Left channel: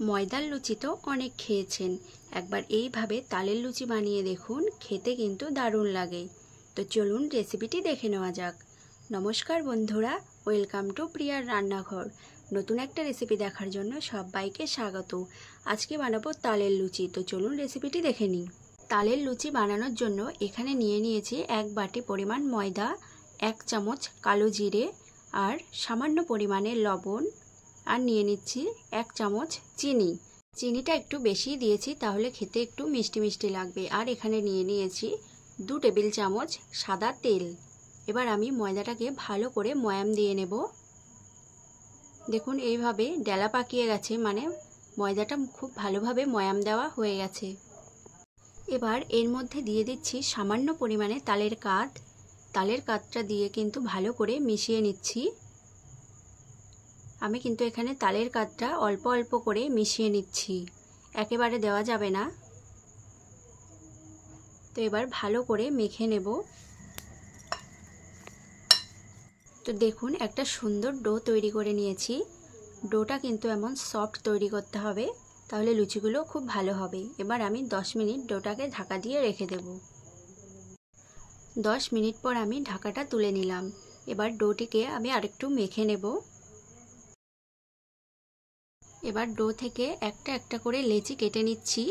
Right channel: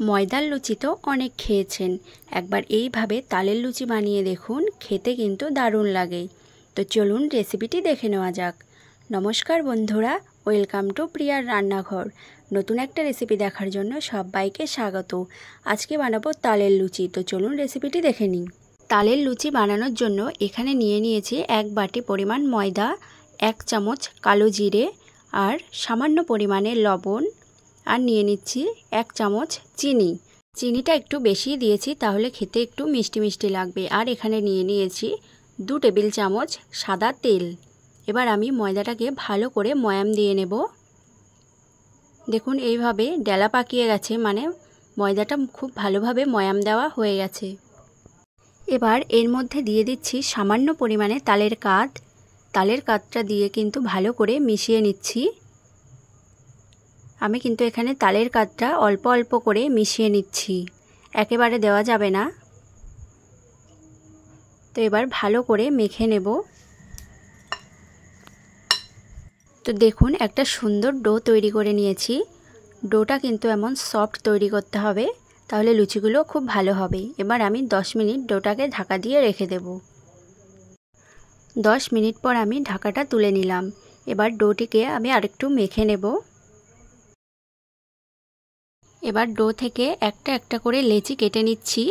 ময়দার লুচি তো অনেক খেয়েছেন, একবার এইভাবে তালের লুচি বানিয়ে দেখুন, খেতে কিন্তু দারুণ লাগে। তো চলুন রেসিপিটি দেখে নেওয়া যাক। নমস্কার বন্ধুরা, ওয়েলকাম টু প্রিয়ার রান্নাঘর। নতুন একটা রেসিপি দেখার জন্য সবাইকে স্বাগত। আজকে বানাবো তালের লুচি, তো চলুন রেসিপিটি দেখে নিই। তালের লুচি বানানোর জন্য এখানে নিয়ে নিয়েছি 1 বাটি পরিমাণ ময়দা, 1 চামচ কালো জিরে আর সামান্য পরিমাণে লবণ, আর নিয়ে নিচ্ছি 1 চামচ চিনি। চিনিটা একটু বেশি দিয়েছি, তাহলে খেতে একটু মিষ্টি মিষ্টি লাগবে। আর এখানে নিয়ে নিয়েছি 2 টেবিল চামচ সাদা তেল। এবার আমি ময়দাটাকে ভালো করে ময়াম দিয়ে নেব। দেখুন এইভাবে ডেলা পাকিয়ে গেছে, মানে ময়দাটা খুব ভালোভাবে ময়াম দেওয়া হয়ে গেছে। এবার এর মধ্যে দিয়ে দিচ্ছি সামান্য পরিমাণে তালের কাঠ। তালের কাঠটা দিয়ে কিন্তু ভালো করে মিশিয়ে নিচ্ছি। আমি কিন্তু এখানে তালের কাঠটা অল্প অল্প করে মিশিয়ে নিচ্ছি, একেবারে দেওয়া যাবে না। তো এবার ভালো করে মেখে নেব। তো দেখুন একটা সুন্দর ডো তৈরি করে নিয়েছি। ডোটা কিন্তু এমন সফট তৈরি করতে হবে, তাহলে লুচিগুলো খুব ভালো হবে। এবার আমি 10 মিনিট ডোটাকে ঢাকা দিয়ে রেখে দেব। 10 মিনিট পর আমি ঢাকাটা তুলে নিলাম। এবার ডোটিকে আমি আরেকটু মেখে নেব। এবার ডো থেকে একটা একটা করে লেচি কেটে নিচ্ছি।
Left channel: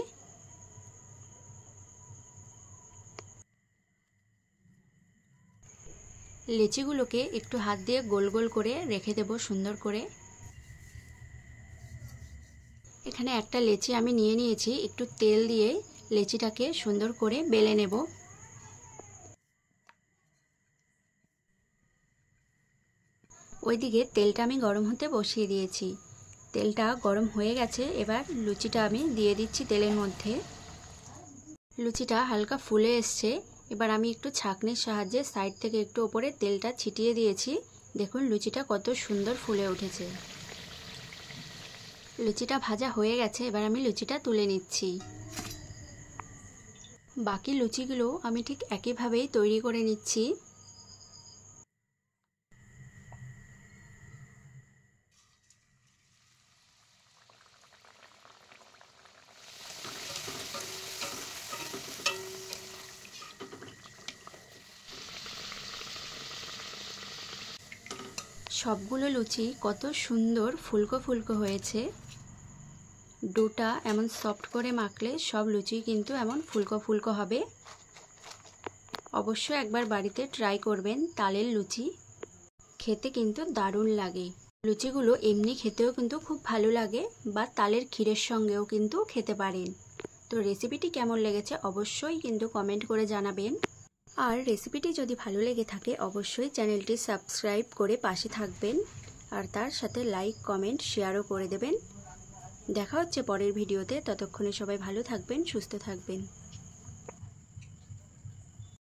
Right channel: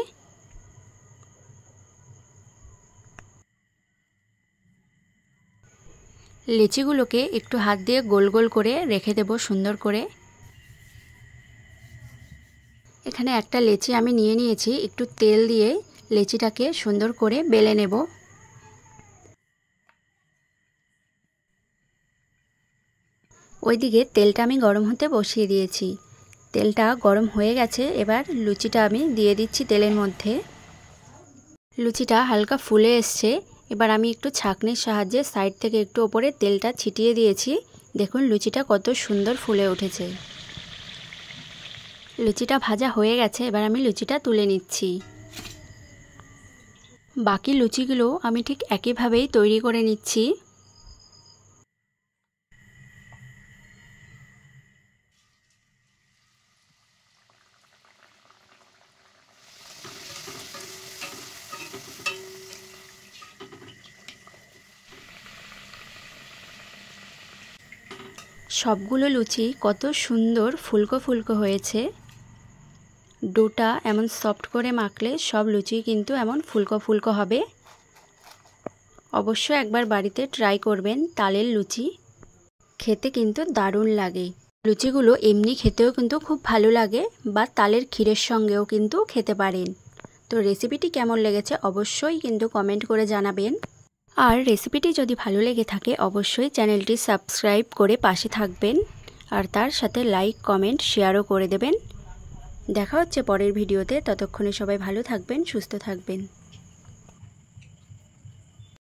লেচিগুলোকে একটু হাত দিয়ে গোল গোল করে রেখে দেব সুন্দর করে। এখানে একটা লেচি আমি নিয়ে নিয়েছি, একটু তেল দিয়ে লেচিটাকে সুন্দর করে বেলে নেব। ওইদিকে তেলটা আমি গরম হতে বসিয়ে দিয়েছি। তেলটা গরম হয়ে গেছে, এবার লুচিটা আমি দিয়ে দিচ্ছি তেলের মধ্যে। লুচিটা হালকা ফুলে এসছে। এবার আমি একটু ছাঁকনির সাহায্যে সাইড থেকে একটু ওপরে তেলটা ছিটিয়ে দিয়েছি। দেখুন লুচিটা কত সুন্দর ফুলে উঠেছে। লুচিটা ভাজা হয়ে গেছে, এবার আমি লুচিটা তুলে নিচ্ছি। বাকি লুচিগুলো আমি ঠিক একইভাবেই তৈরি করে নিচ্ছি। সবগুলো লুচি কত সুন্দর ফুলকো ফুলকো হয়েছে। ডোটা এমন সফট করে মাখলে সব লুচি কিন্তু এমন ফুলকো ফুলকো হবে। অবশ্যই একবার বাড়িতে ট্রাই করবেন তালের লুচি, খেতে কিন্তু দারুণ লাগে। লুচিগুলো এমনি খেতেও কিন্তু খুব ভালো লাগে, বা তালের ক্ষীরের সঙ্গেও কিন্তু খেতে পারেন। তো রেসিপিটি কেমন লেগেছে অবশ্যই কিন্তু কমেন্ট করে জানাবেন। আর রেসিপিটি যদি ভালো লেগে থাকে অবশ্যই চ্যানেলটি সাবস্ক্রাইব করে পাশে থাকবেন, আর তার সাথে লাইক কমেন্ট শেয়ারও করে দেবেন। দেখা হচ্ছে পরের ভিডিওতে, ততক্ষণে সবাই ভালো থাকবেন, সুস্থ থাকবেন।